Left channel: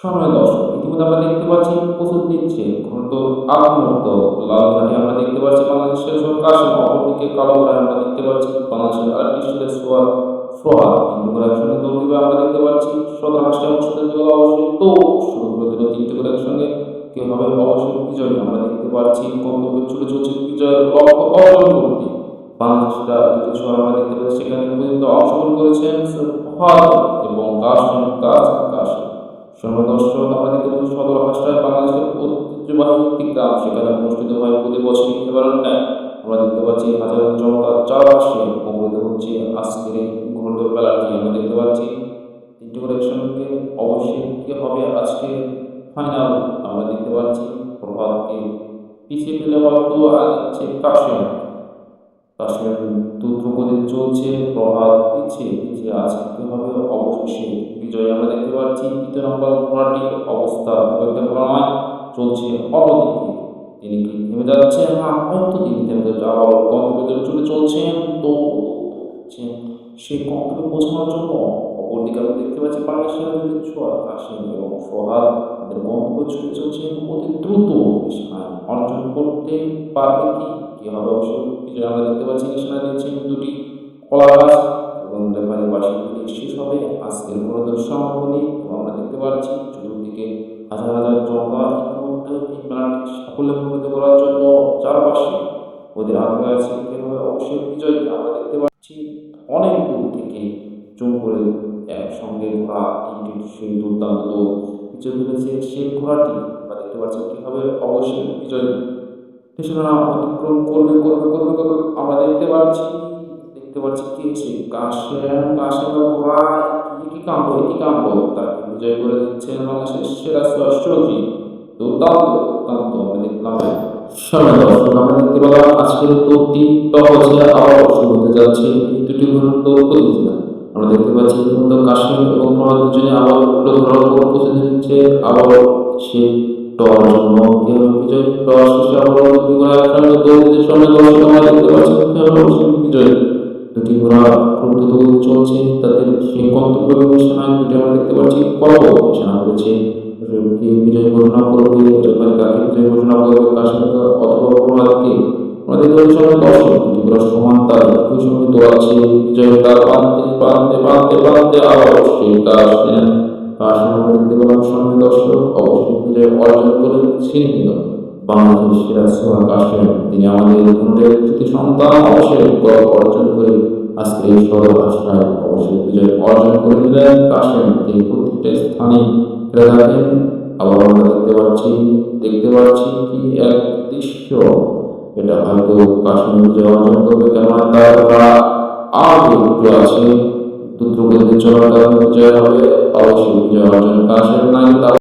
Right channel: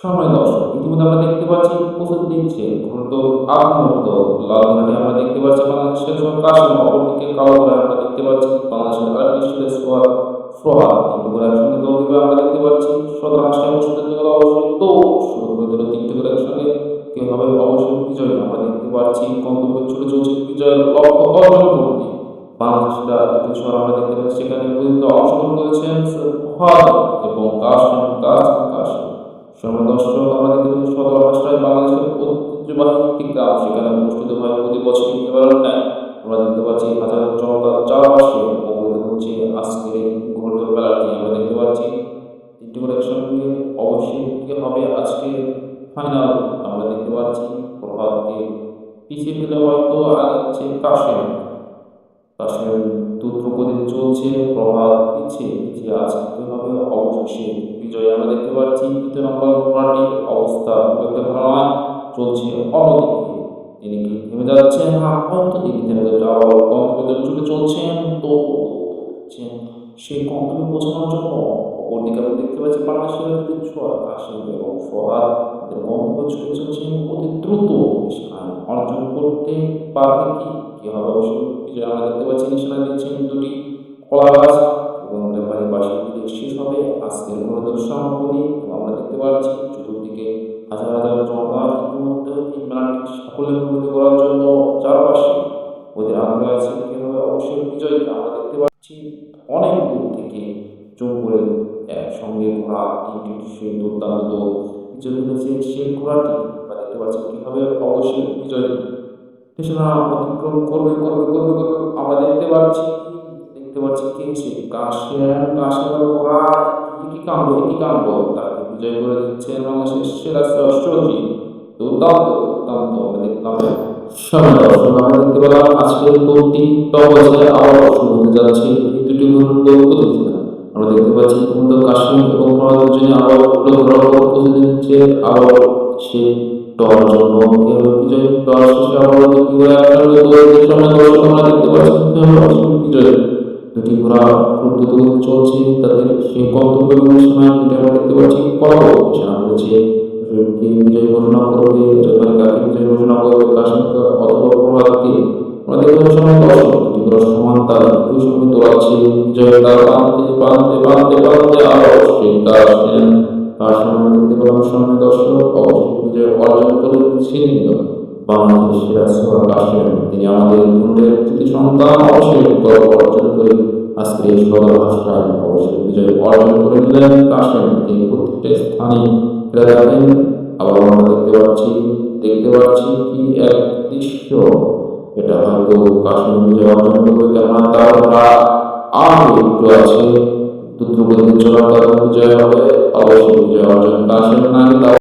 সময় দর্শক ইতিমধ্যে আমরা দেখতে পাচ্ছি প্রস্তুত নিচ্ছে ঘন্ট আগ মুহূর্ত লাল ঘোড়াটি আমরা দেখতে পাচ্ছি বাংলাদেশের কাশিম, অপরদিকে কালো ঘোড়ায় আমরা দেখতে পাচ্ছি বাংলাদেশের আরেকটি ছেলে সোহাগ। তিনটি করে একসঙ্গে দৌড় দিবে আমরা দেখতে পাচ্ছি। 17 অনুষ্ঠিত হয়ে গেল, অবশ্যই তো শুরু করে দিল তিনটি করে একসঙ্গে। কে হবে অবশ্যই বিজয়ী আমরা দেখতে পাচ্ছি। গন্তব্যে ছুটে চলছে বিজয়ের লক্ষ্য অর্জন করতে বাংলাদেশিরা। দুটি ছোঁয়ার আমরা দেখতে পাচ্ছি সেখানে পর্যন্ত অংশগ্রহণ করেছেন সোহাগ এবং কাশিম কাশিম কাশিম। সময় দর্শক আমরা দেখতে পাচ্ছি সদর হাসরায় বাংলাদেশের ঐতিহ্যবাহী একটি গ্রাম, সেখানে অনুষ্ঠিত হয় প্রতি বছরই এবারও ন্যায়। আমরা দেখতে পাচ্ছি হাজার জনতার চারপাশে মুখরিত হচ্ছে আজকের এই ঘোড়দৌড় মেলাটি। আমরা দেখতে পাচ্ছি তিনটি করে একসঙ্গে অবশ্যই কি হবে আজকে ফাইনাল। আমরা দেখতে পাচ্ছি প্রভাতকে পিছিয়ে ফেলে হয়তো আগাচ্ছে কাশিম। কাশিম দ্রুতগতি চলছে, প্রভাত পিছিয়ে পিছিয়ে আজকে কি হবে অবশেষে বিজয়। আমরা দেখতে পাচ্ছি তৃতীয় নম্বর ঘোড়াটির অবস্থা খুব একটা ভালো নয়, চলছে অন্যদিকে। তিনি কি থেমে যাচ্ছেন? হ্যাঁ, হয়তো তিনি থেমে যাচ্ছে, আবার গন্তব্যে ছুটে চলছেন। তো সেই গন্তব্যে পৌঁছানোর জন্য অপরদিকে আমরা দেখতে পাচ্ছি বাংলাদেশের দুটি ছোঁয়া কাশিম এবং সোহাগ তাদের গন্তব্যে ছুটে চলছেন অতি দ্রুত। নিশানায় অর্জন করতে পারবে কি? কি হবে অবশ্য বিজয় আমরা দেখতে পাচ্ছি। নিশানা দিচ্ছেন দুটি কলা গাছ এবং রেফারি বাসি দিলে শেষ হবে আজকের ঘোড়দৌড় সমাপনী। আমরা দেখতে পাচ্ছি চতুর্দিকে হাজার হাজার জনতা ইতিমধ্যে এই মেলাটি সাফল্যমণ্ডিত করার জন্য চারপাশে ওদের আগ্রহ আছে। কে হবে অবশ্যই বিজয়ী আমরা দেখতে পাচ্ছি। অনেক দূর থেকে জম্পুরের একসঙ্গে ঘোড়া তিনটি সেই দুর্দান্ত দৌড় পিছিয়ে ফেলেছে সেই ঘোড়াটি। আমরা দেখতে পাচ্ছি কি হবে অবশ্যই বিজয়ী। কৃষ্ণরা অতিক্রম করবে করবে করবে করবে আমরা দেখতে পাচ্ছি কে সে কাশেম। কাশেমের ঘোড়া একই কাণ্ড একই কাণ্ড, তাকে বিজয় করে দিচ্ছেন বাংলাদেশের সেরা সর্ষজি। দুর্দান্ত দুর্দান্ত আমরা দেখলাম। সময় দর্শক আমরা দেখতে পেলাম আজকের দৌড়টি টপছে আবার শুরু হতে যাচ্ছে এই দুটি দৌড় প্রতিযোগিতা। আমরা দেখতে পাচ্ছি ইতিমধ্যে কাশিম এবং প্রভাত দুজনে আবার ঘোড়ার উপর প্রস্তুতি নিচ্ছে। আবার সে টর জন্য কে হবে বিজয়ী। টর শেষে আবার দুটি ঘোড়া একসঙ্গে দৌড়ের সময় দর্শক আমরা দেখতে পাচ্ছি কে হবে অবশ্যই বিজয়ী। দুটি ঘোড়া খুব দ্রুতগতিতে চলছে তাদের সেই গন্তব্য সময় দুটি আমরা দেখতে পাচ্ছি কলব ঘোষণা করেছে। কে বিজয়ী ঘোষণা করবে, রেফারি কাকে বিজয়ী ঘোষণা করবে, কাশিমকে অথবা প্রভাতকে। আমরা দেখতে পাচ্ছি সময় দর্শক দুটি ঘোড়া সমান তাল একই সঙ্গে দৌড়াচ্ছে। বিজয়ের তার পান্তে পান্তে পান্তে পান্তে আবার অবশ্যই কাশিম কাশিম আমরা দেখতে পেলাম সময় দর্শক অবশ্যই বিজয় অর্জন করে ছিনে নিল বাংলাদেশের সেরা সোহাগ কাশিম। তিনি আমাদের দুর্গের তৃতীয় সন্তান, অবশ্যই গর্ব অর্জন করে আজকের এই সদর হাসরায় অবশ্যই বিজয় অর্জন করে নিলেন কাশিম। তিনি প্রত্যেকটা স্থানে খেলে থাকেন। আবার আমরা দেখতে পাচ্ছি কি এক দৃশ্য, এটা হয়তো কাশিম বিজয় অর্জন করবে, কেননা তার ওরা আগে একটু আছে দ্রুতগতিতে চলার কারণে বিজয় হবে অবশ্যই বিজয় অর্জন কাশিম। না